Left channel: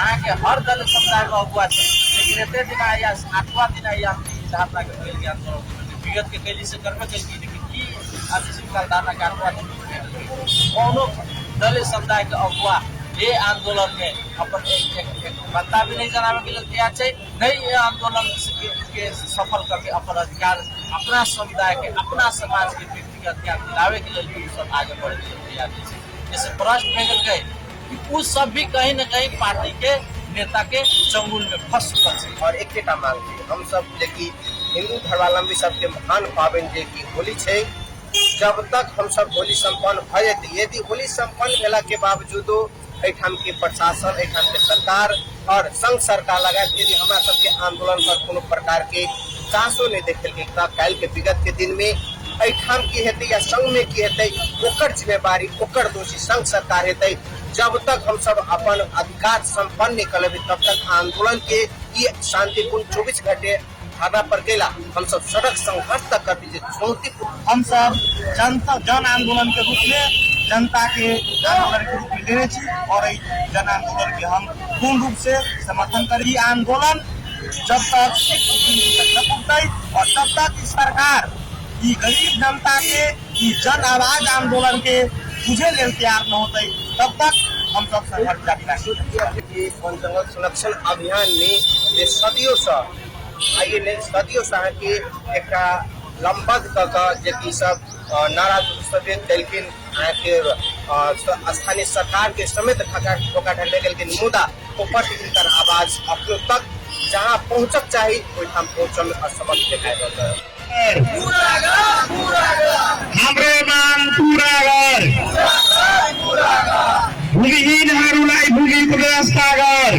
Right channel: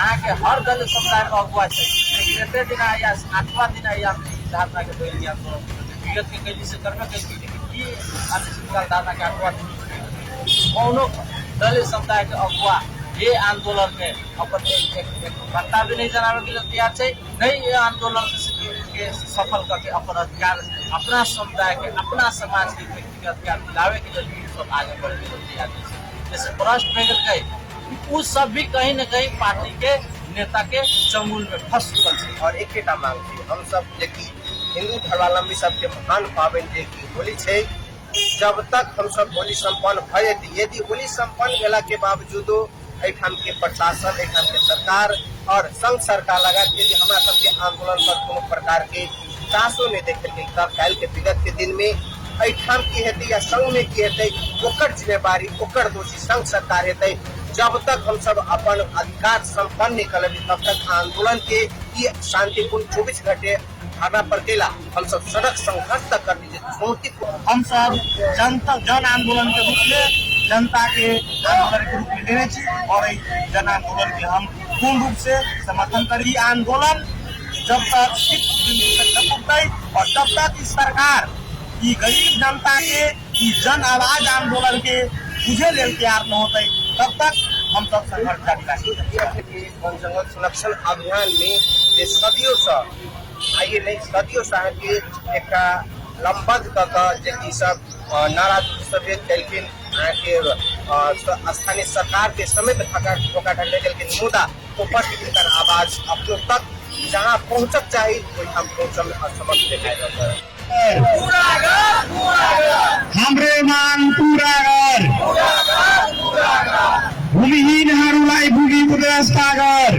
यहाँ के हर दल समुदाय में अगुआ है, लेकिन एक दिन या 8वां दिन या 7वां के पहले आंदोलन विगत के कैली से करबे के लेकिन की आशीष दादा के 8वां दिन कौनो दलित समुदाय के अगुआ ये आंदोलन में अपन बता भी नहीं जनावे के लिए तैयार है, नहीं ये आंदोलन के सफल करके अपन अधिकार अपना समुदाय के अपना समाज के व्यक्तिगत अधिकार दिलावे के लिए सब आगे बढ़ने के लिए तैयार है। जैसे प्रश्न में गए कि वो सब भी कहीं न कहीं पार्टी के नेता के चंगुल में फंस चुका है। और एक मांग हम सब देखी हिंदू धर्मावलंबी सबके महान पावन देखी होली है, जब तक हम सब होली संपन्न भय यदि होली संपन्न भेला के बावजूदो एठाम के प्रशासन एठाम के सरकार और संघ सरकार लगा यदि हमारा सबके आंदोलन पर कोनो प्रकार के चासो नहीं देखे कल के विगत के दिन में एठाम की हेतु या संघ में की हेतु ओकर जिम्मेवारी ओकर दोषी संघ सरकार हेतु। जब तक हम सब अपन अधिकार संपन्न नहीं कर तब तक आंदोलन के ये शांतिपूर्ण 24 घंटे धरना पर गेला हम सब सड़क संघर्ष तक कर दीजिए चुनौती को हम सब जनता जन आंदोलन के रूप में जनता के आंदोलन के रूप में लेने चाहिए और जन आंदोलन के हम पूर्ण रूप से समर्थन करें। आंदोलन जब तक और जब तक सरकार ये गरीब जनता के जन आवाज आंदोलन के बुझे ले तैयार न होते तब तक हम सब संघर्ष जारी रहेंगे। वन जंगल संरक्षण अभियान में सदियों से के एक लंबद जी सब नाराज सफेद कलखिन के स्थानीय सरकार के समेत धोखाधड़ी के निमुदा ऊपर आवाज अपने तक जहाँ पहुँचक चाहिए वहाँ पहुँच में असमर्थ हाम्रो माग पूरा गर, भूमिहीनहरूलाई भूमिको व्यवस्था गर,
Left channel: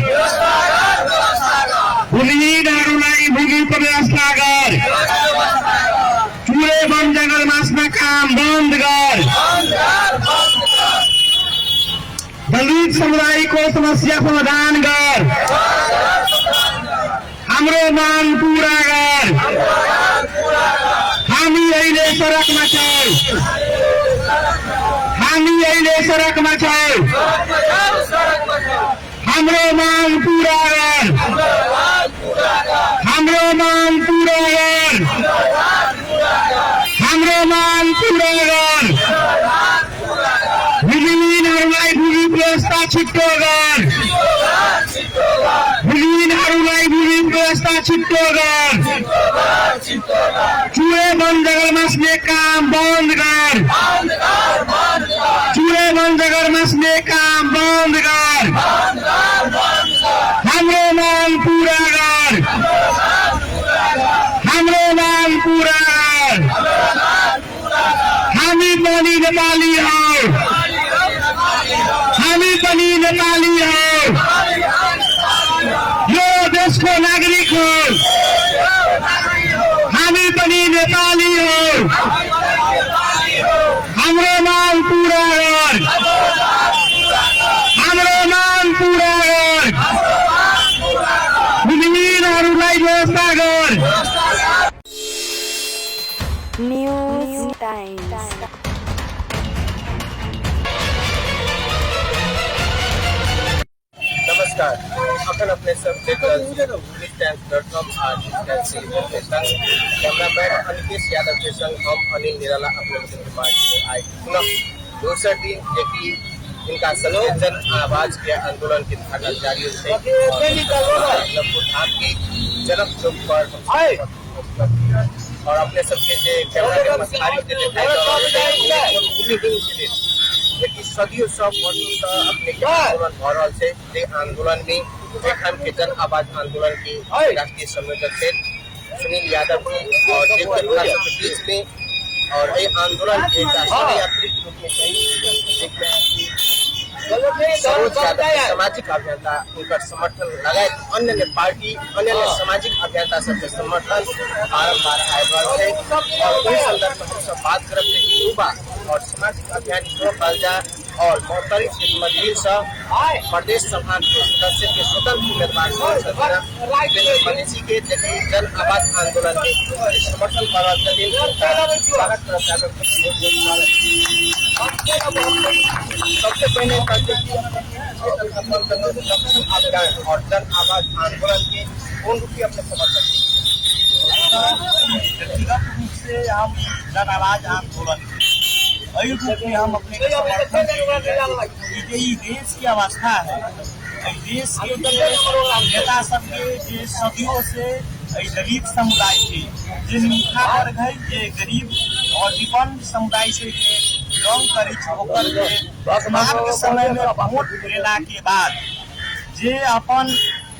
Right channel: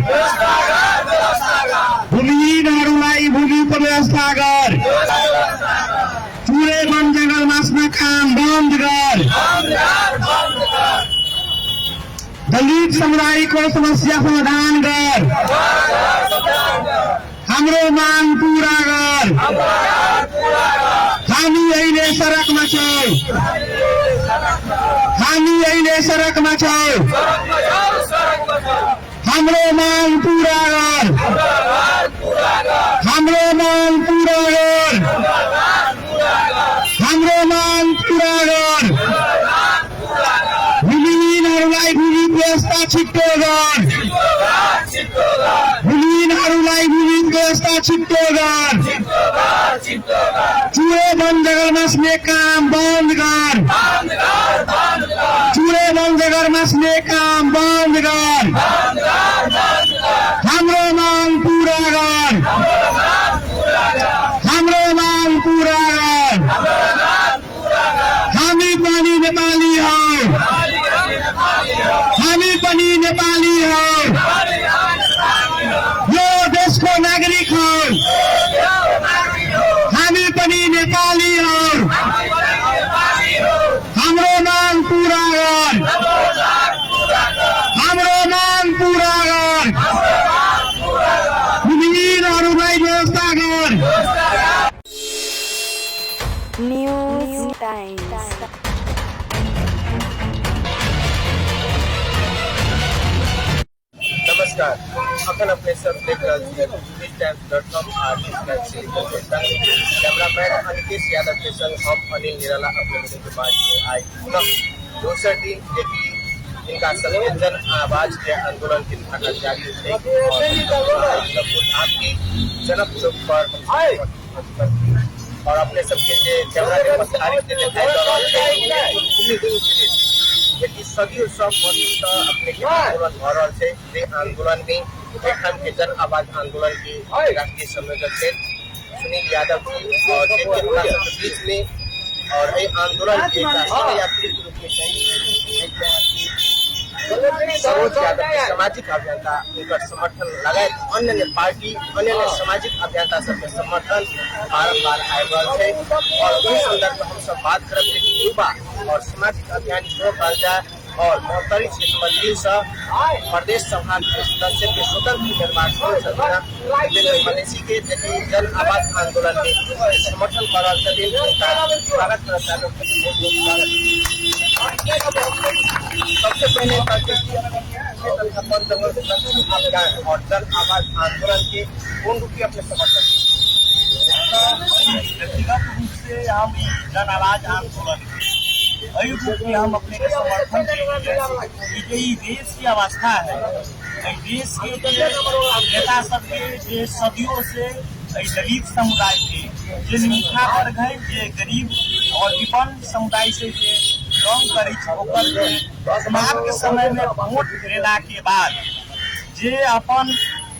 भूमिहीनहरूलाई भूमिको व्यवस्था गर, चुरे वन जंगल मास्न काम बन्द गर, दलित समुदायको समस्या समाधान गर, हाम्रो माग पूरा गर। हामी अहिले सडकमा छौँ, हामी अहिले सडकमा छौँ, हाम्रो माग पूरा गर, हाम्रो माग पूरा गर, हाम्रो माग पूरा गर, भूमिहीनहरूलाई भूमि व्यवस्था छिट्टो गर, भूमिहीनहरूलाई भूमि व्यवस्था छिट्टो गर, चुरे वन जंगल मास्ने काम बंद कर, चुरे वन जंगल मास्ने काम बंद कर, हाम्रो माग पूरा कर, हाम्रो माग पूरा कर। हामी पनि नेपाली हौ, हामी पनि नेपाली हौ, यो देशको नागरिक हौ, हामी पनि नेपाली हौ, हाम्रो माग पूरा गर, हाम्रो माग पूरा गर, भूमिहीनहरूलाई व्यवस्था गर। News times. नमस्कार, अखन अपने सबके अनिकेश यादव के संग हम अनिल निराला अपने आए दोसर दिन जबकि इनका जन आवाज के आंदोलन के उद्घाटन जारी जनक चौक पर और अपने सबके सदियों सब आंदोलन की जन आवाज आंदोलन की राष्ट्रीय संयोजक थे सुनील यादव जी और बीच में और ये आंदोलन सामाजिक अभियंता उनका समर्थन लगे अन्य पार्टी अन्य सामाजिक अभियंता सबके समर्थन बात करते युवा और सामाजिक अभियान शुरू करता और 48 प्रदेश सभा सदस्य के स्वतंत्र निर्वाचन के जन आवाज आंदोलन के समर्थन और जन आवाज आंदोलन के कौन रूप में अपने समर्थन? व्यक्तिगत रूप से हम जन आवाज आंदोलन वही रूप में हम अपने के समर्थन ये देश की अवस्था है। देश के नेता सब के सदियों से दलित समुदाय के जो निमुखा वर्ग है, ये गरीब और विपन्न समुदाय से बिलोंग करे वर्तमान के समय में वोट लेला के बाद जे अपन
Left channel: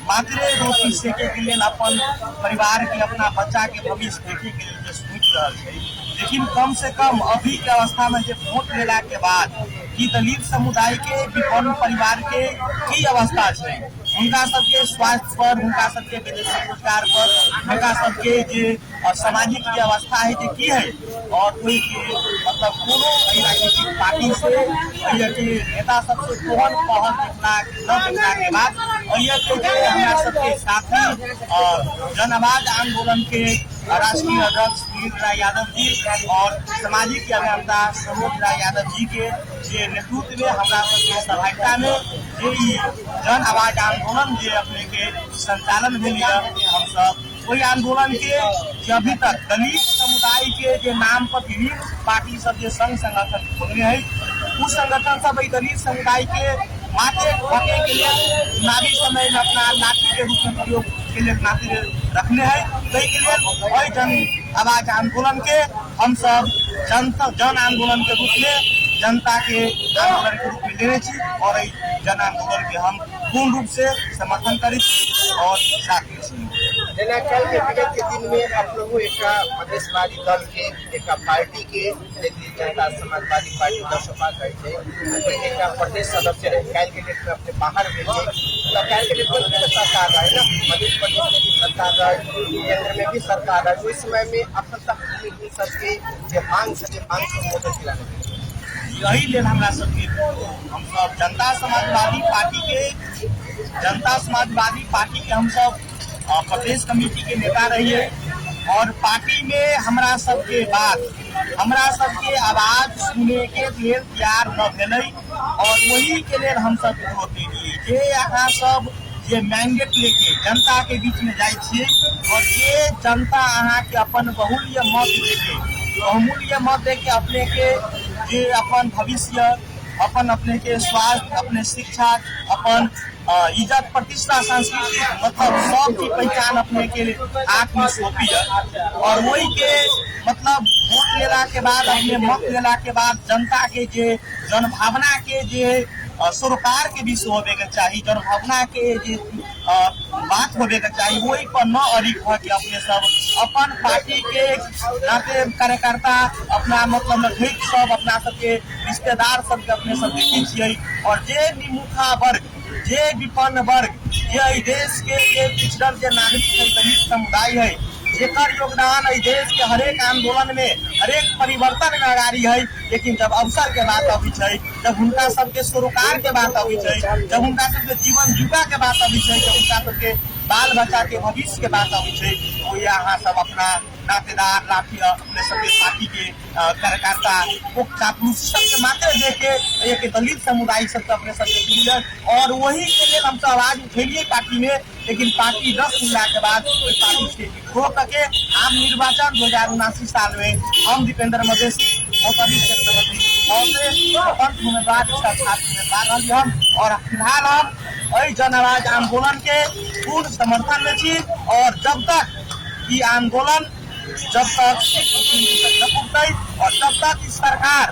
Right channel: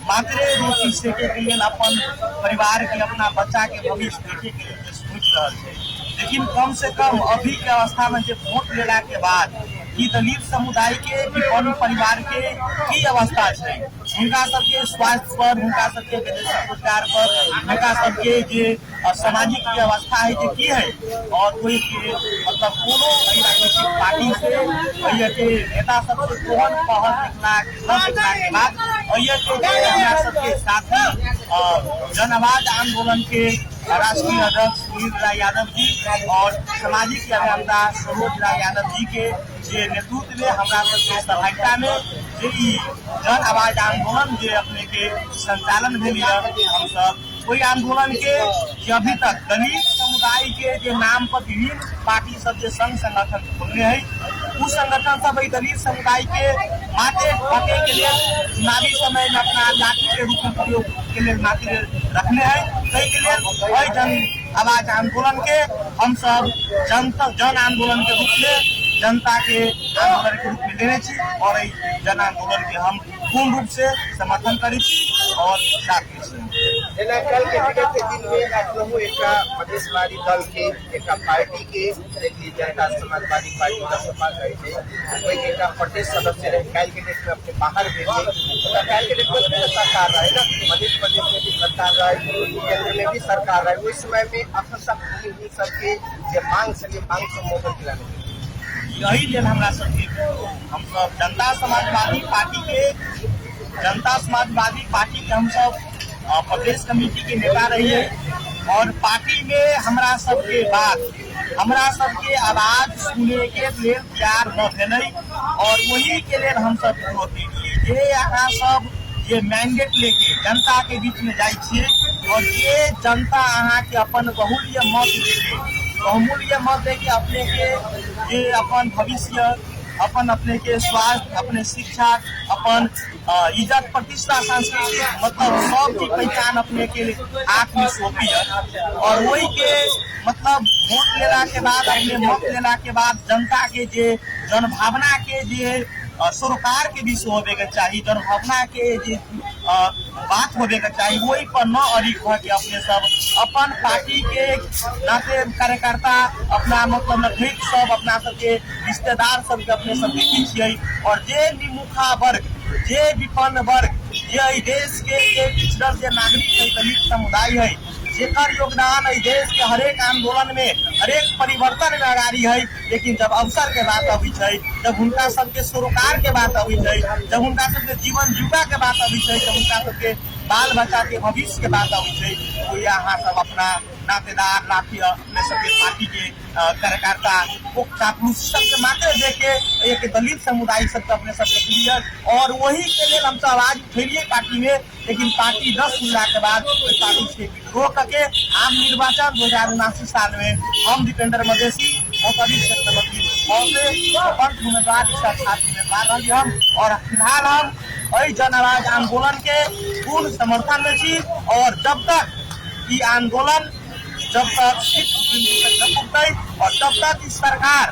मात्र रोटी सेके के लिए अपन परिवार के अपना बच्चा के भविष्य देखे के लिए सोच रहा है। लेकिन कम से कम अभी के अवस्था में जो वोट लेला के बाद कि दलित समुदाय के विपन्न परिवार के की अवस्था है, उनका सबके स्वास्थ्य पर, उनका सबके विदेशी रोजगार पर, उनका सबके जो सामाजिक व्यवस्था है जो की है, और कोई के मतलब कोनो राजनीतिक पार्टी से नेता सबसे तोहन पहल के बाद ये हमारा सबके साथी जन आवाज आंदोलन के राष्ट्रीय अध्यक्ष सुनील राय यादव जी और सामाजिक अभियंता सरोज राय यादव जी के नेतृत्व में हमारा सहभागिता में जन आवाज आंदोलन जो अपने के संचालन भेल हम सब कोई आंदोलन के अभी तक दलित समुदाय के जो नाम पर विभिन्न पार्टी सब जो संघ संगठन खोलने है, उस संगठन सब दलित समुदाय के माथे होके के लिए चुनावी समय में अपना लाठी के रूप में प्रयोग के लिए माथे रखने हैं। कई के लिए वही जन आवाज आंदोलन के हम सब जन आंदोलन के रूप में जनता के आंदोलन के रूप में लेने और जन आंदोलन के हम पूर्ण रूप से समर्थन करी और साथ में जना कल के दिन में आप लोग एक प्रदेशवादी दल के एक पार्टी के जनता समाजवादी पार्टी सपा रहे थे, कोई एक प्रदेश सदस्य रहे कैलकुलेट में अपने बाहर भेजे कैलकुलेट सरकार मध्य प्रदेश की सरकार है, केंद्र में भी सरकार है। उस समय में अपन सबके मांग से यही दिन हमारा सबके हम सब जनता समाजवादी पार्टी के हम सब प्रदेश कमेटी के नेता रहिए और पार्टी में हमरा सबके बात हमरा सबके आवाज सुने के लिए तैयार न भेलै और वही के लिए हम सब वोट दिए। जे यहाँ सब जे मैंडेट लेके जनता के बीच में जाए छिए और जे जनता अहाँ के अपन बहुमूल्य मत देके अपने के जे अपन भविष्य, अपन अपने के स्वास्थ्य, अपने शिक्षा, अपन इज्जत प्रतिष्ठा संस्कृति मतलब सब की पहचान अपने के हाथ में सौंपी है और वही के मतलब वोट लेला के बाद अपने मत लेला के बाद जनता के जे जनभावना के जे सरोकार के भी होने के चाहिए, जनभावना के जे बात होने के चाहिए वही पर न अड़िक हो के अपने सब अपन पार्टी के नाते कार्यकर्ता अपना मतलब नजदीक सब अपना सबके रिश्तेदार सबके अपने सब देखे छियै और जे निमुखा वर्ग जे विपन्न वर्ग ये देश के पिछड़ल जे नागरिक दलित समुदाय है जेकर योगदान है देश के हरेक आंदोलन में हरेक परिवर्तन में अगाड़ी है। लेकिन जब अवसर के बात अभी है, जब उनका सबके सरोकार के बात अभी है, जब उनका सबके जीवन जीवा के बात अभी है, जब उनका सबके बाल बच्चा के भविष्य के बात अभी है, तो यहाँ सब अपना नातेदार राष्ट्रीय अपने सबके पार्टी के कार्यकर्ता चापलूस सबके माथे देके एक दलित समुदाय सबके अपने सबके लिए और वही के लिए हम सब आवाज उठेलिए पार्टी में। लेकिन पार्टी 10 मिला के बाद पार्टी से रोक के आम निर्वाचन 2079 साल में हम दीपेंद्र मजेशी और फिलहाल हम जन आवाज आंदोलन के पूर्ण समर्थन में छी और जब तक ये आंदोलन जब तक और तब तक सरकार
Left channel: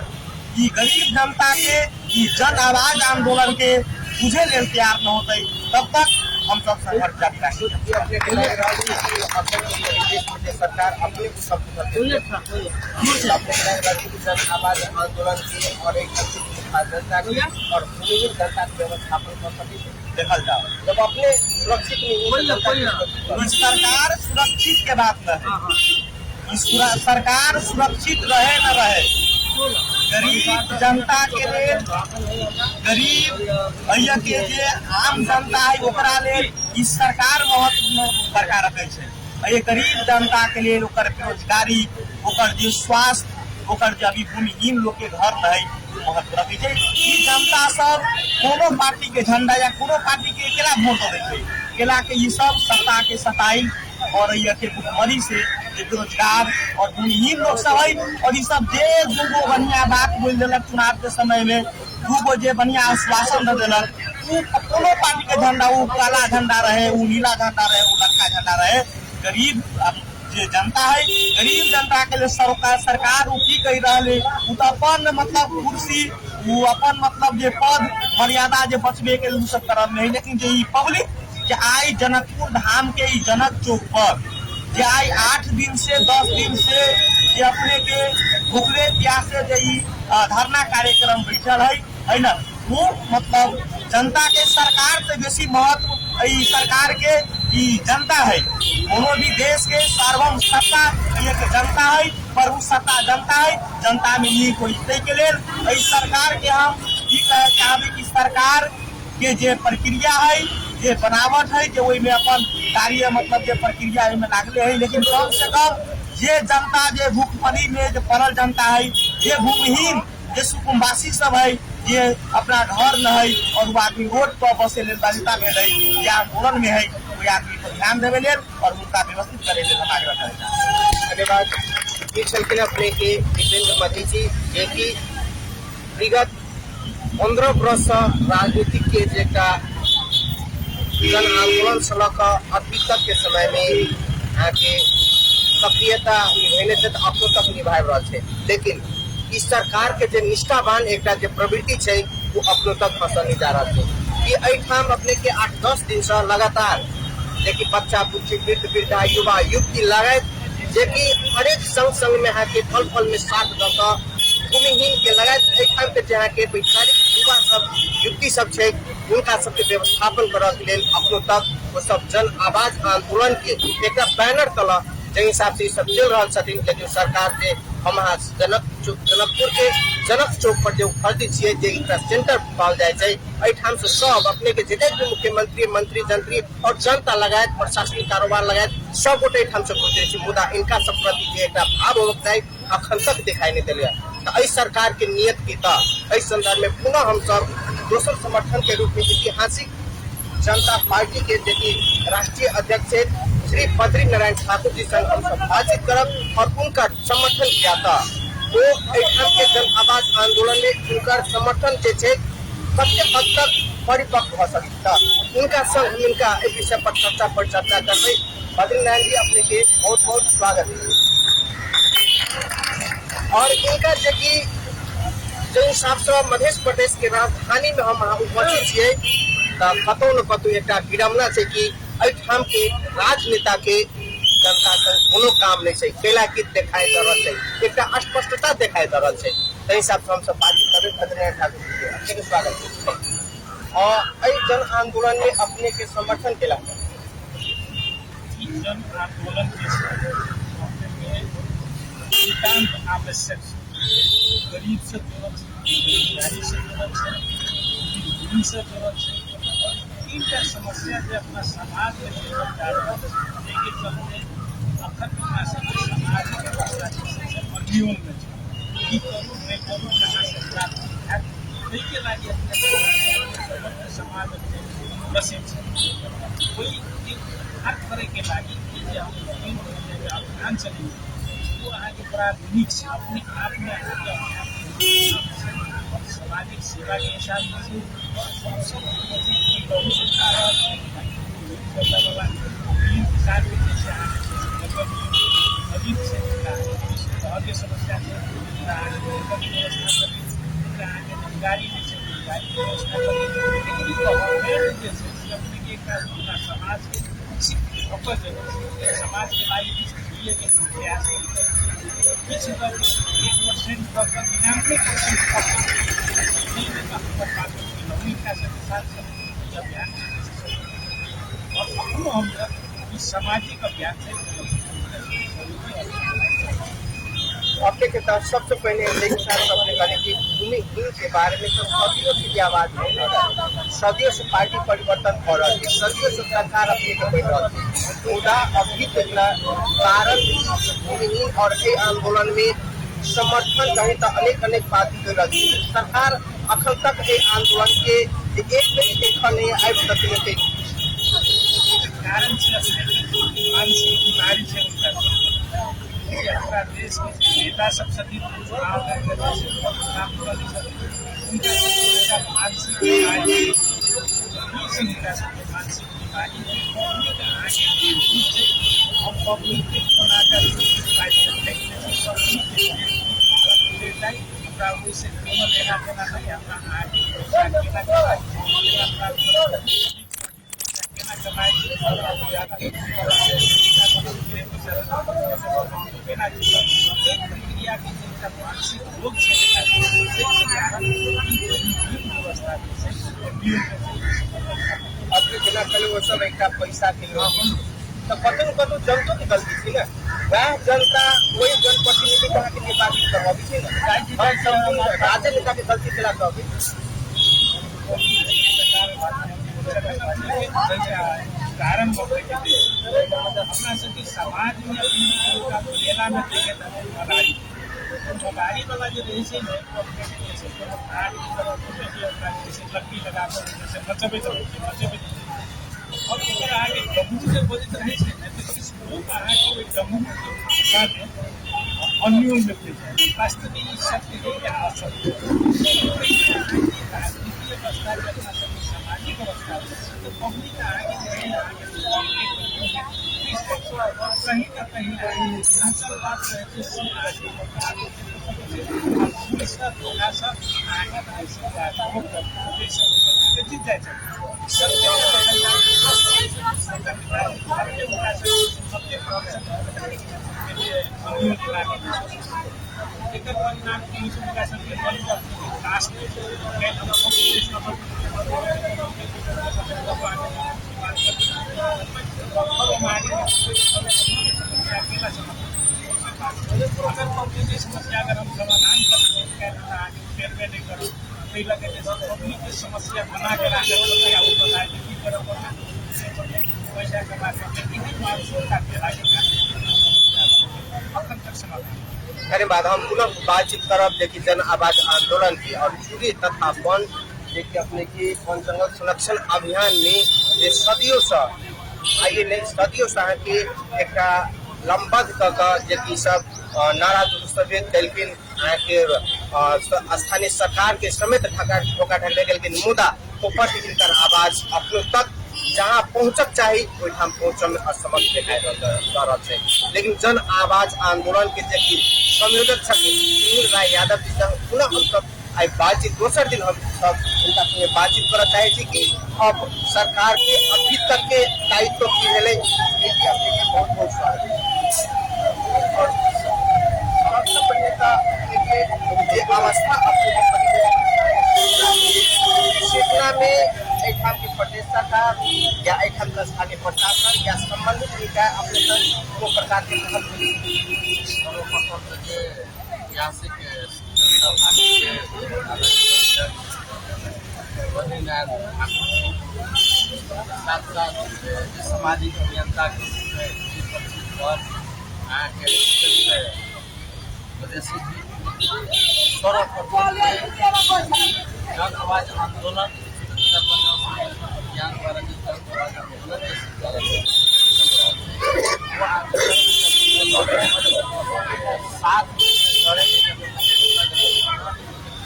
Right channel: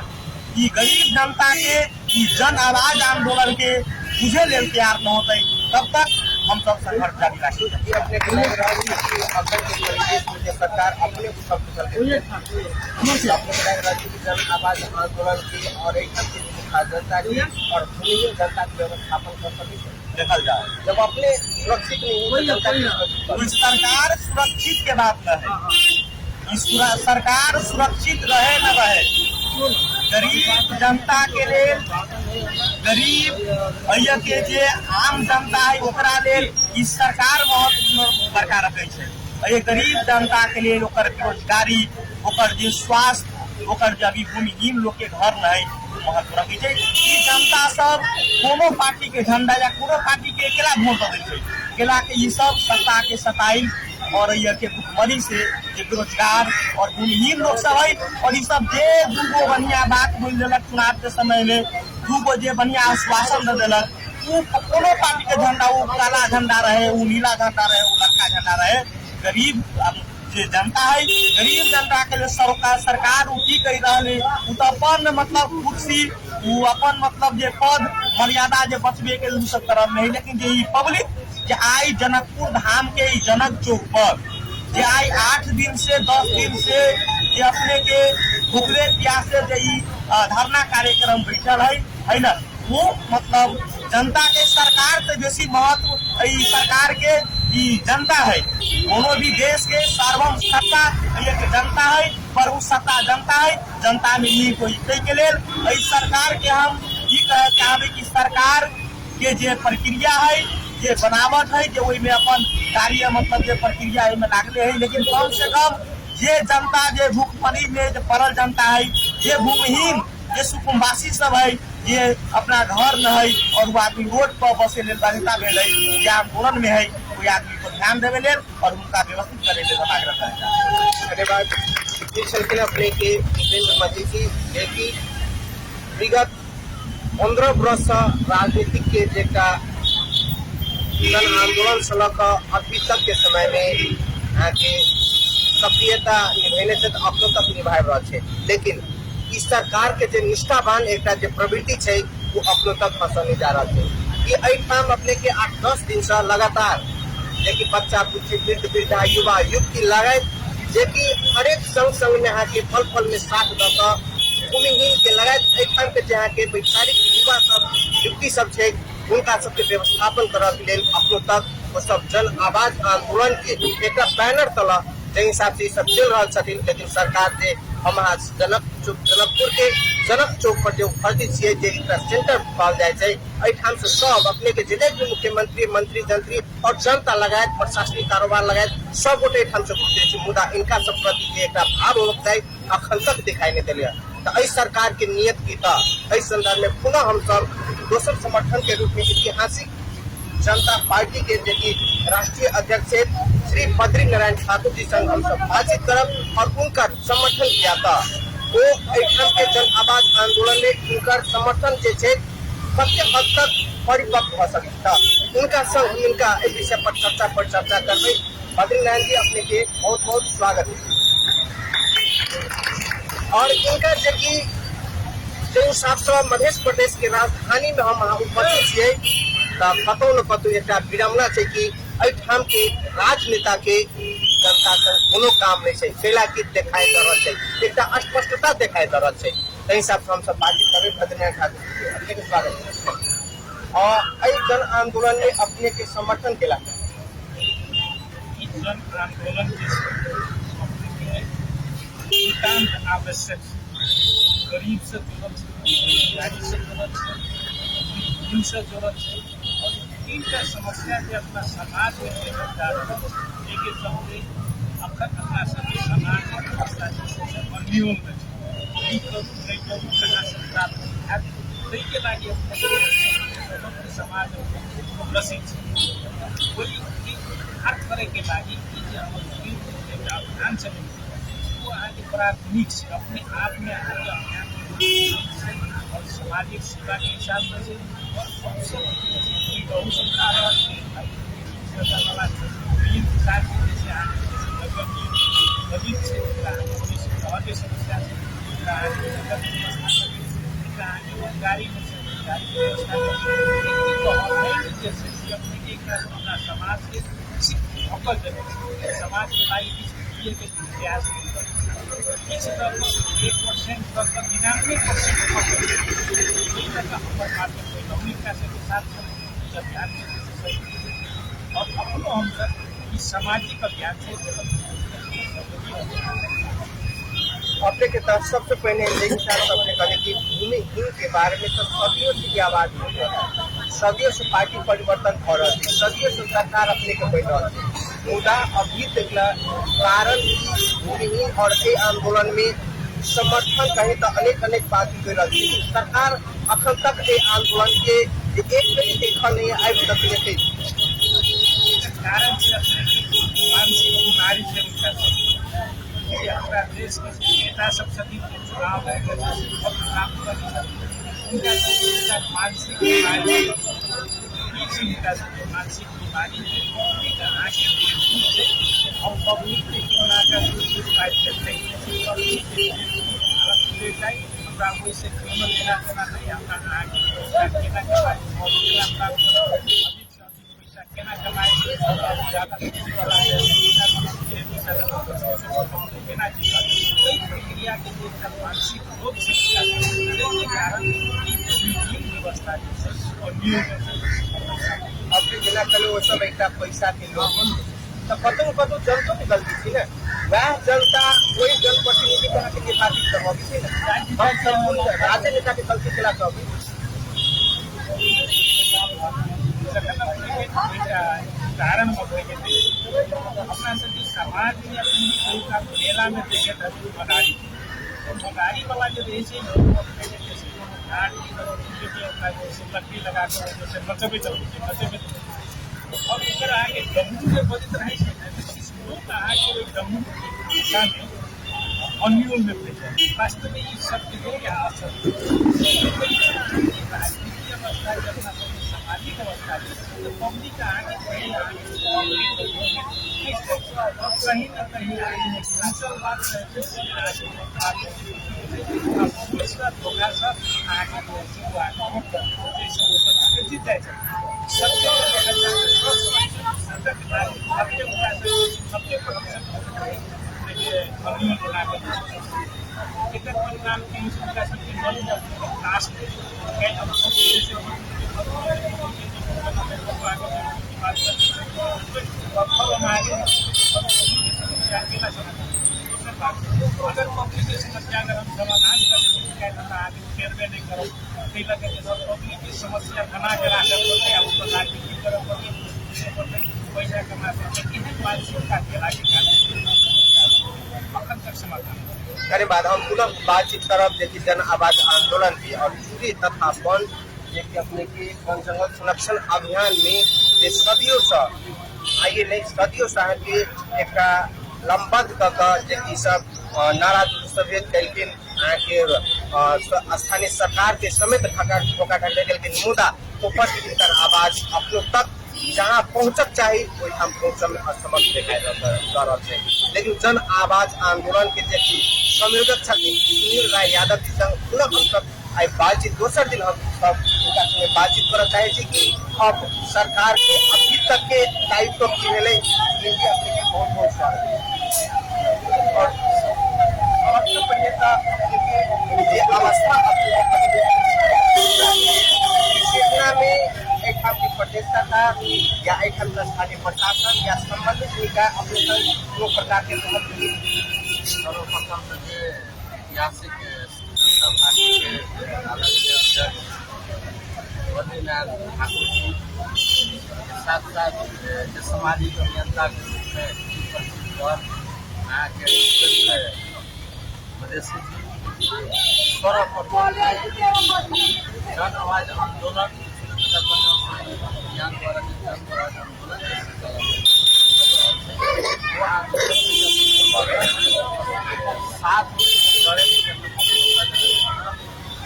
ये गरीब जनता के जन आवाज आंदोलन के तुझे ले तैयार न होते तब तक हम सब संघर्ष जारी रखेंगे। सरकार अपने देखल जाए जब अपने सुरक्षित सरकार सुरक्षित के बात है, सरकार सुरक्षित रहे न रहे गरीब जनता के लिए गरीब भैया के जे आम जनता है ओकरा लेल इस सरकार महत्वपूर्ण बरकरार रखे छे। गरीब जनता के लिए ओकर बेरोजगारी, ओकर जे स्वास्थ्य, ओकर जे अभी भूमिहीन लोग के घर नहीं महत्व रखी छै। ई जनता सब कोनो पार्टी के झंडा या कोनो पार्टी के केला वोट दे छै, केला के ई सब सत्ता के सताई और ये के भुखमरी से जे बेरोजगार और भूमिहीन लोग सब है। और ये सब जे दूगो बढ़िया बात बोल देलक चुनाव के समय में, दूगो जे बढ़िया आश्वासन दे देलक, कोनो पार्टी के झंडा, वो काला झंडा रहे, वो नीला झंडा रहे, वो लड़का झंडा रहे, गरीब जे जनता है, गरीब जनता के लिए सरकार वो की कही रही, वो तो अपन मतलब कुर्सी, वो अपन मतलब जे पद मर्यादा जे बचबे के लिए सब करल नहीं। लेकिन जे पब्लिक जे आई जनकपुर धाम के जनक चौक पर जे आई 8 दिन से 10 दिन से जे अपने के भूखले प्यासे जे धरना कार्यक्रम बैठल है ना, वो मतलब जनता के सरकार से बेसी महत्व सरकार के जनता है। कोनो भी देश के सार्वभौम सत्ता एक जनता है, पर वो सत्ता जनता है, जनता में ये कोई के लिए सरकार के हम चाहबे कि सरकार के जे प्रक्रिया है, जे बनावट है, जो में अपन कार्य मतलब जे प्रक्रिया में लागले है, लेकिन कम से कम जे जनता जे भूखमरी में जे पड़ल जनता है, जे भूमिहीन जे सुकुम्बासी सब है, जे अपना घर में है और वो आदमी रोड पर बसे ले बालिका में है या आंदोलन में है, कोई आदमी को ध्यान देवे ले और उनका व्यवस्थित करे ले बना रखा है। धन्यवाद। इस सिलसिले अपने के पाजी जी जे कि विगत 15 वर्ष राजनीतिक के जेका आंदोलन से अभी तक के समय में आगे सक्रियता अब तक निभा रहा है। लेकिन इस सरकार के जो निष्ठावान एक प्रवृत्ति है वो अपनों तक फसल नहीं जा रहा है। ये एठाम अपने के 8-10 दिन से लगातार देखिए बच्चा कुछ वृद्ध वृद्धा युवा युवती लगायत जे कि हरेक संग में यहाँ के पल पल में साथ दौड़ भूमिहीन के लगायत एठाम के जहाँ के वैचारिक युवा सब युवती सब है उनका सबके व्यवस्थापन करने अपनों तक सब जन आवाज आंदोलन के एक बैनर तला जे हिसाब से सब चल रहा है। जो सरकार से हमारा जनकपुर के जनक चौक पर जो भर्ती छे सेंटर पाल जाए एठाम से सब अपने के जिले के मुख्यमंत्री मंत्री जंत्री और जनता लगायत प्रशासनिक कारोबार लगायत सब गोटे एठाम से पहुंचे मुदा इनका सब प्रति एक भाव होता है अखंडक दिखाई नहीं दिलिया। तो इस सरकार के नियत की इस संदर्भ में पुनः हम सब दोसर समर्थन के रूप में ऐतिहासिक जनता पार्टी के देखिए राष्ट्रीय अध्यक्ष श्री बद्री नारायण ठाकुर जी संग हम सब बातचीत करब और उनका समर्थन किया था। वो के जन आवाज आंदोलन में उनका समर्थन के हद तक परिपक्व हो सकता उनका संग उनका इस विषय पर चर्चा करते बद्री नारायण जी अपने के बहुत बहुत स्वागत है। और इनका देखिए जो हिसाब से मध्य प्रदेश के राजधानी में हम उपस्थित है कतौ न कतौ एक विडम्बना है कि एठाम के राजनेता के जनता कोनो काम नहीं है केला की दिखाई दे रहा है एक अस्पष्टता दिखाई दे रहा है। तो हिसाब से हम सब बातचीत कर स्वागत और जन आंदोलन में अपने के समर्थन केला जन आंदोलन के आवश्यक गरीब से जुड़ल से जुड़ल से जुड़ल और तीनटा समस्या के अपना समाज में लेकिन चलते अखन अपना समाज में बर्नियों में प्राप्त के लागे समाज प्रसिद्ध हर तरह के लागी अभियान चले वो अहाँ के बड़ा नीक से अपने आप में और सामाजिक सेवा के हिसाब से समस्या रोजगारी समाज के समाज के लागी प्रयास 1% पर 99% अभियान और अपनो हम सामाजिक अभियान से अपने के तब सबसे पहले कि भूमिहीन के बारे में तो सदियों की आवाज सदियों से पार्टी परिवर्तन हो रहा है सदियों से सरकार अपने के बैठ रहा है उदा अभी तक कारण भूमिहीन और के आंदोलन में समर्थन कहीं तो अनेक बात कर रही सरकार अखन तक ये आंदोलन के एक देखने नहीं आए तकनीक कारण से अपने मानसिक बीमारी से उनका कि हमारा देश के नेता सब सभी चुनाव लड़ने से बहुत काम कर उनका मानसिक बीमारी मानसिक बीमारी आगे हम पब्लिक बनाकर फाइट करते हैं हमारा उससे क्यों लेना देना नहीं हमारा आगे कहना कमाए ज़्यादा क्रिया के मानसिक रोग से कारण व्यवस्था अपने बिना कल वो समय क्या पैसा दिलो तो कतु जनता की गलती थी ना वह जनता वही जनप्रतिनिधि का निर्वाचित करवाई थी ना राजनेता की गलती चला कभी कारण अपना सभी समाज में अपनी मेला में देखे मदारी वाला जो देश लकड़ी लगा कर जैसे बचबे और अगर आगे जम्मू से बजित रहे जम्मू अन्यून में वास्तविक शब्द आवश्यक सामाजिक अवस्था पब्लिक कहीं न कहीं थोड़ा सा आगे जीत जाए अगर पब्लिक समस्या अगर हम समाधान करते नहीं करो पब्लिक की समस्या बना के पैसा कमा समाधान धन्यवाद। हम पुनः बातचीत करब देखिए जन आवाज आंदोलन की और चूड़ी तथा वन देखिए अपने की वन जंगल संरक्षण अभियान में ये सदियों से आइए नहीं सदियों से के एक लंबत देखिए सब नारा दुरुस्तबियत कलकिन के स्थानीय सरकार के समेत ठोका ढकले गेल के निमुदा ऊपर की आवाज अपने तक जहाँ पहुँचक चाहिए वही हम पहुँच में असमर्थ है। लेकिन जन आवाज आंदोलन के देखिए संयोजक सुनील राय यादव जी संग पुनः हम सब आई बातचीत दोसर दिन हम सब बातचीत करना चाहिए कि अब सरकार के अभी तक के दायित्व की मिले बहुत बहुत स्वागत अवस्था में एक प्रतिष्ठा था या एक स्थानीय प्रशासन या संबंधित निकाय अपने दो प्रकार के सामाजिक अभियंता आवाज आंदोलन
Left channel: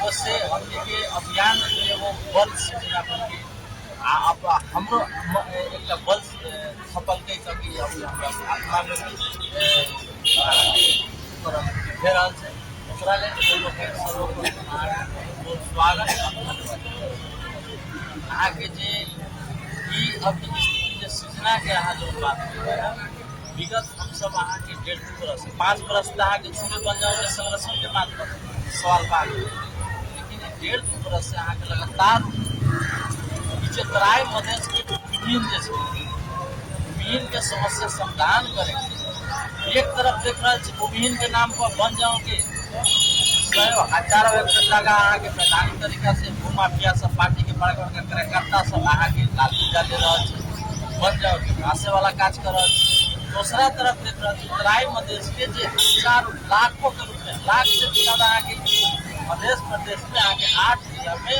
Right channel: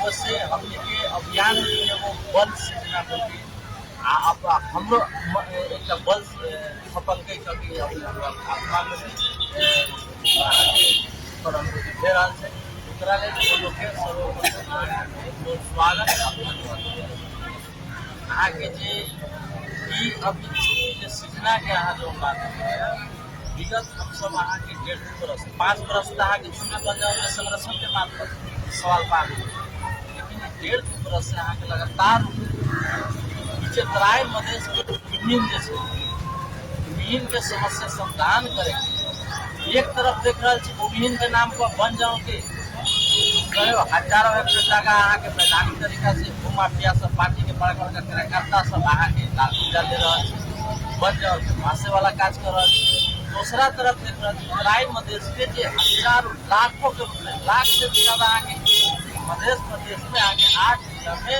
उससे हम ये अभियान बल हम बल सफल के कभी आत्मा आगे सूचना के अहाँ जो विगत हम सब अहाँ के 5 बरस के छूट पंजाब में संरक्षण के बात सवाल बात लेकिन 1.5 बरस से अहाँ के लगातार नीचे तराई मधेश के विभिन्न के समस्या समाधान करे एक तरफ देख रहे विभिन्न के नाम पर बन जाओ के हजारों जगह अहाँ के वैधानिक तरीका से माफिया सब पार्टी के बड़का कार्यकर्ता सब अहाँ के लाल पीला दे रहा बन जाओ घासे वाला काज कर दूसरा तरफ के तराई मधेश के जे हजारों लाखों के लाख से भी ज्यादा आगे मध्य प्रदेश में आगे 8 जिला में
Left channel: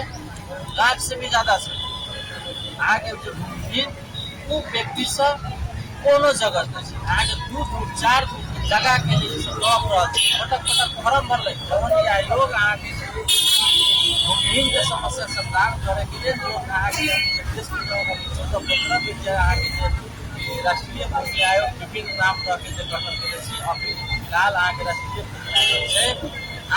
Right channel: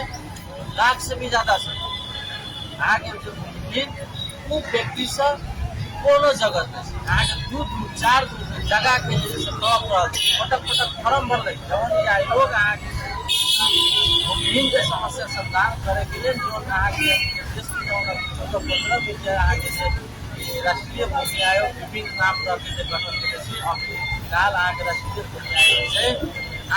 लाख से भी ज्यादा से आगे जो उ व्यक्ति सब कोनो जगह से आगे 2-4 जगह के लिए ब्लॉक पटक फॉर्म भर लगे आयोग आगे के समस्या समाधान करे के लिए जो आगे आगे से राष्ट्रीय भर्ती आयोग विभिन्न नाम रखे गठन से फिलहाल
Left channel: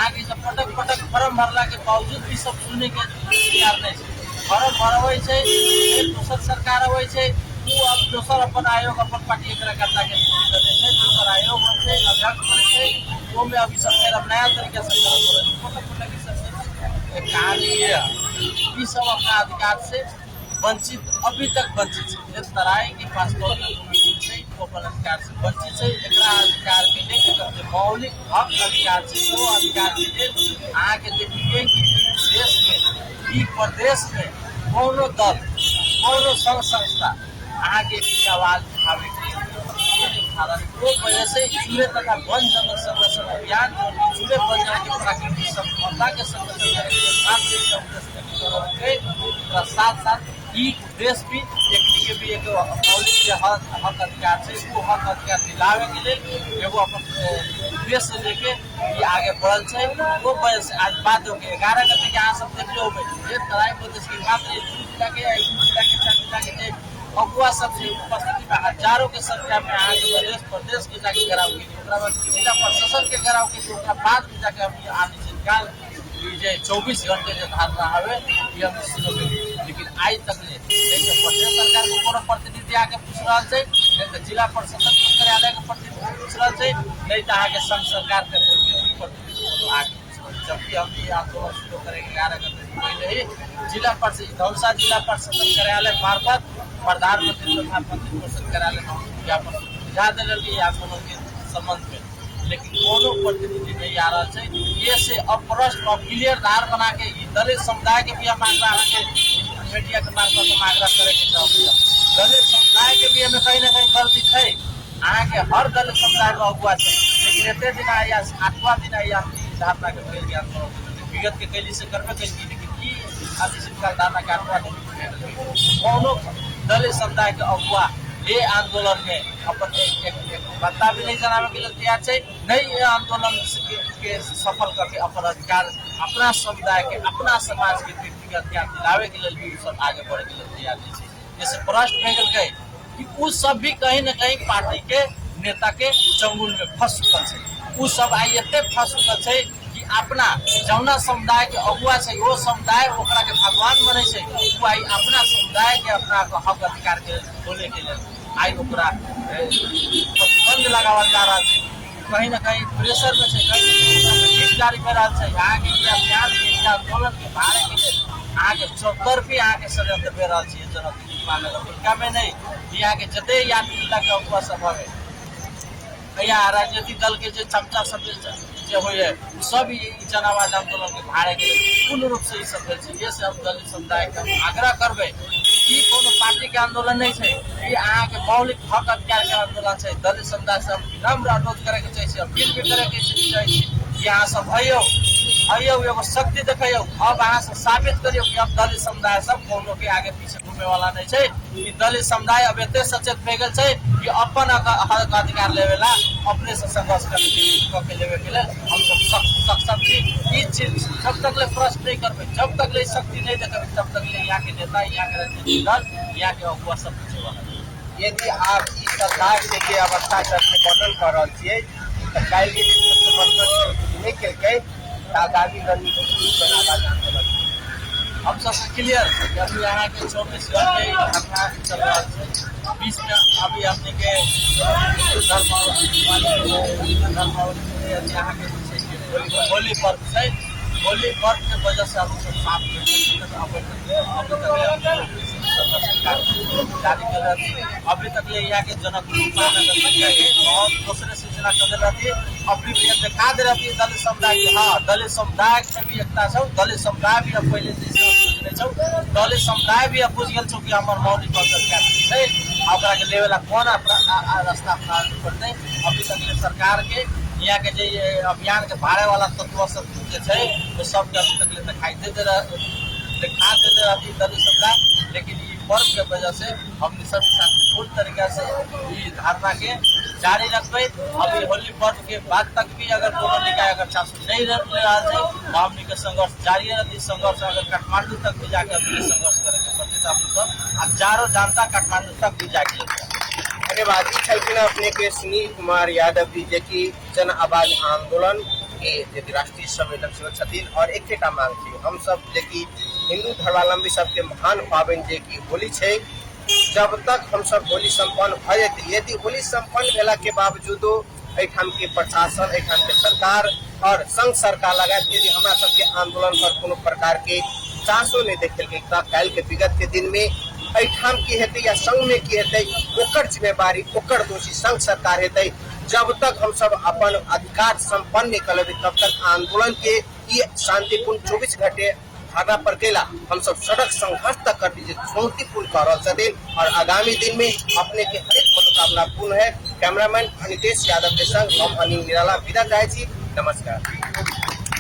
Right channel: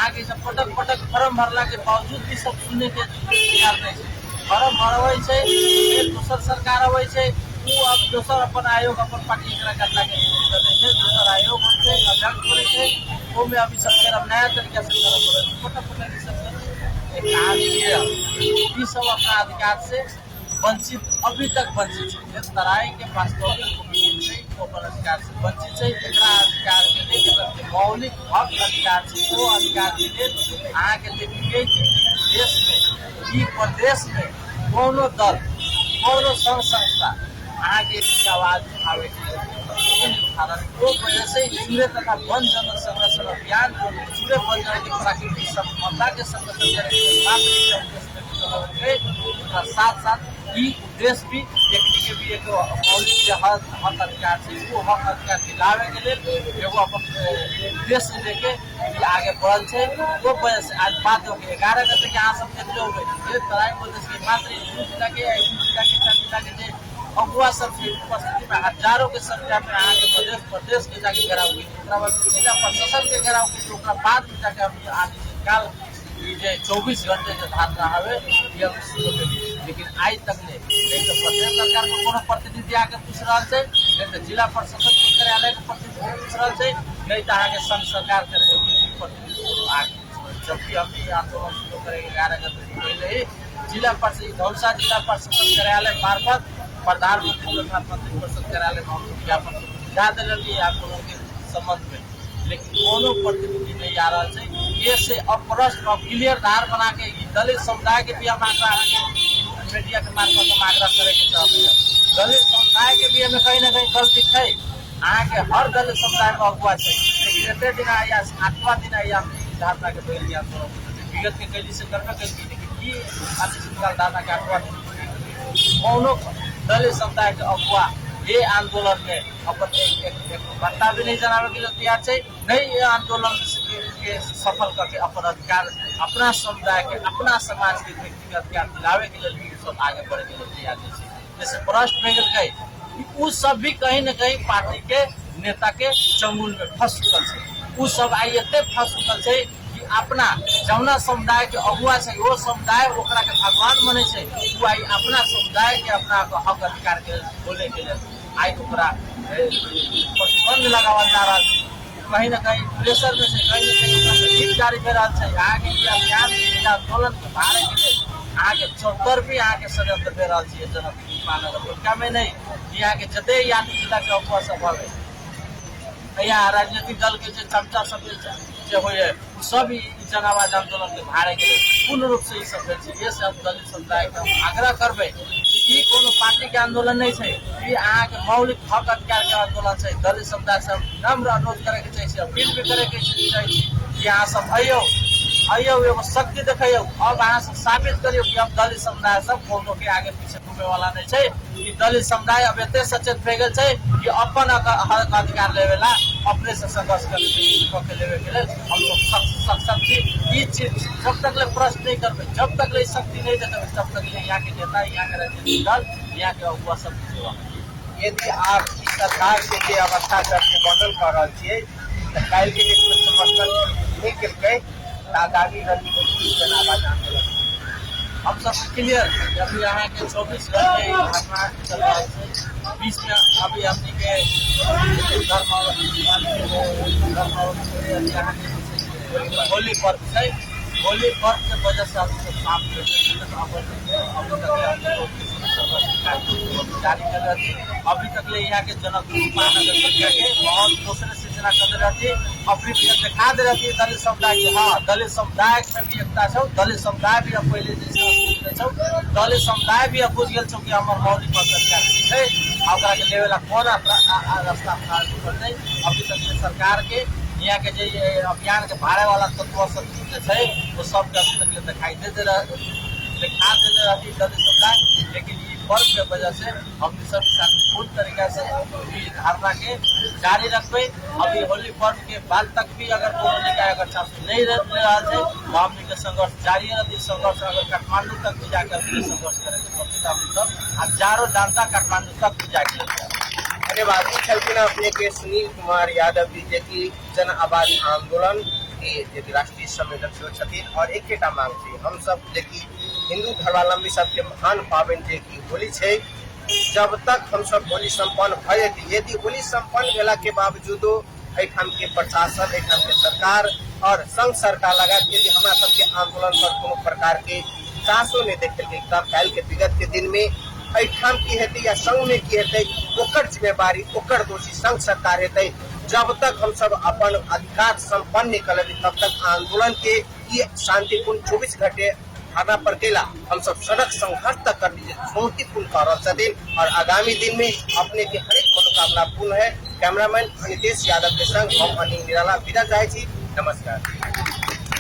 आगे से पटक फॉर्म भरला के बावजूद भी सब सुने के तैयार नहीं फॉर्म भरवे से दोसर सरकार अवे से दोसर अपन आयोग अपन पार्टी एकरा करला के दोसर आयोग होते लगभग करे वो में अभी सब नया तरीका से सब अपना अधिकार से वंचित अभी तक वंचित है तराई के पास अधिकार से वंचित है अधिकार मौलिक हक अधिकार से वो अधिकार मिले आगे देखिए कि देश में प्रदेश में कोनो दल कोनो संस्था आगे आवाज उठावे के वजह से चूल्हे तथा वन जन संरक्षण अभियान चूल्हे वन प्राकृतिक संपदा के साथ साथ ई उद्देश्य भी देखने के भी एक हक अधिकार से इसको हक अधिकार दिलावे के लिए एगो अपन उद्देश्य लेके आगे बढ़ल है वो वजह से आज बात हो गई 11 गते के यहाँ सब देखते तराई प्रदेश के बात अगुआ सबसे उपस्थिति में हजारों के संख्या में आज प्रदेश के जाके घेराव की जिला प्रशासन के घेराव की बाद में जाके हम आगे से निकाल 24 घंटे के धारणा है लेकिन आज तक सरकार को कोनो प्रतिनिधि आके पूछ रहा है जिला प्रशासन के कार्यालय के प्रतिनिधि पूछ रहा है नहीं तो आगे संघ सरकार के जबकि हम आंदोलन शुरू करेंगे 11 गते पहले जिला परिषद धौलसा जिला परिषद कार्यालय मार्फत प्रधानमंत्री प्रधानमंत्री परिषद कार्यालय में ज्ञापन डाल देंगे आंदोलन के संबंध में लेकिन कोनो प्रतिनिधि नहीं आ रहा है ये से अप्रश्न और क्लियर धार बना के दलित समुदाय के भी हम मांगना मीडिया के मार्फत मांगना दलित समुदाय के भी हमें कहीं ना कहीं गलती है आगे हर दलित समुदाय में अगुआ है लेकिन एते दिन या 8वां दिन या धारणा के कोई आंदोलन विगत के कैली से करबे के लेकिन की आज से धारणा के 8वां दिन कोनो दलित समुदाय के अगुआ ये आंदोलन में अपन एक बता भी नहीं जनावे के लिए तैयार है नहीं ये आंदोलन के सफल करके अपन अधिकार अपना समुदाय के अपना समाज के व्यक्तिगत अधिकार दिलावे के लिए सब आगे बढ़ के तैयार है जैसे प्रश्न भेजल गए कि वो सब भी कहीं न कहीं पार्टी के नेता के चंगुल में फंस चुकल है वो सब आई एते फंस चुकल है कि अपना जौना समुदाय के अगुआ से वो समुदाय ओकरा के भगवान माने से वो आई अपना समुदाय के अपना हक अधिकार के बोले के लिए आई ओकरा प्रतिबंध लगावल जा रहा है कहीं न कहीं प्रेशर में से कहीं जारी कर रहा है आगे आंदोलन के बारे में आगे 74 भी आगे सजा दे रहा है जनक माने कमे नहीं यहाँ के जते यहाँ जिला के अगुआ सब यहाँ राजनीतिक दल के जो चमचा सब जो हो सब जनावाद आंदोलन के भाड़े के पूर्ण रूप से ये सब दलित समुदाय का आग्रह करबे कि कोनो पार्टी के आंदोलन नहीं है ये अहाँ के मौलिक हक अधिकार के आंदोलन है दलित समुदाय से विनम्र अनुरोध करे के चाहिए अपील भी करे के चाहिए कि अहाँ सब हइयो एगो शक्ति देखियो अब अहाँ सब साबित करियो कि अब दलित समुदाय सब कोनो के आगे पीछे घूमे वाला नहीं है कि दलित समुदाय अब एते सचेत भए गेल है कि अपन हक अधिकार लेवेला अपने से संघर्ष करके हम सब सक्षम थी ये चीज जब तक ले प्रश्न नहीं करबे जब तक ले शक्ति नहीं देखेंगे तब तक ले यहाँ के नेता यहाँ के राजनीतिक दल यहाँ के अगुआ सब यदि आप इस सरकार के भी अवस्था करके मॉडल कर रहे हैं काल के समर्थन के आगामी रणनीति हम सब क्लियर अभी यहाँ के 24 घंटे अपना 20 में अभी हमने के होली पर्व है होली पर्व के वजह से हम अभी तक ले यहाँ के जनक और दूसरे से जना कर रही अपनी दिखा दे रही दलित समुदाय के हाँ दलित समुदाय से भी एकता छौ दलित समुदाय भी अब पहले दलित समुदाय भी अब बुझ गए कि हमारे मौलिक अधिकार है लेवेला कौन रास्ता अपनावे पड़ते। अभी तक सरकार के यहाँ के जो अभियान के बारे वाला तत्व सब है वो सब दिखाई दे रहा अभी प्रदेश सरकार, लेकिन ये पर्व की वजह से अपने सब पूर्ण तरीके से ये धारणा के जारी रखते। अभी होली पर्व के बाद तक भी अगर पूर्ण निकाय अगर चांस नहीं रहा है तो हमने के संघर्ष जारी है। संघर्ष अगर काठमांडू तक भी जाकर संघर्ष करेंगे, हजारों जनता काठमांडू तक भी जाएगी। अपने के सुनील कुमार यादव जी जे की जन आवाज आंदोलन के राष्ट्रीय संयोजक छथिन और एक मांग छै हम सब जे की हिंदू धर्मावलंबी सबके महान पाबनि जे की होली छै, जब तक हम सब होली संपन्न भ जेतै, यदि होली संपन्न भेला के बावजूदो एठाम के प्रशासन, एठाम के सरकार और संघ सरकार लगायत यदि हमरा सबके आंदोलन पर कोनो प्रकार के चासो नहीं देखल त काल्हि के विगत के दिन में एठाम की हेतै या संघ में की हेतै ओकर जिम्मेवारी ओकर दोषी संघ सरकार हेतै। जब तक हम सब अपन अधिकार संपन्न नहीं करबे तब तक आंदोलन के ये शांतिपूर्ण 24 घंटे धरना पर केला हम सब सड़क संघर्ष तक कर दीजिए चुनौतीपूर्ण कर रहे और आगामी दिन में अपने के एक मनोकामना पूर्ण है। कैमरामैन नितेश यादव के संग हम अनिल निराला विदा चाहे। नमस्कार।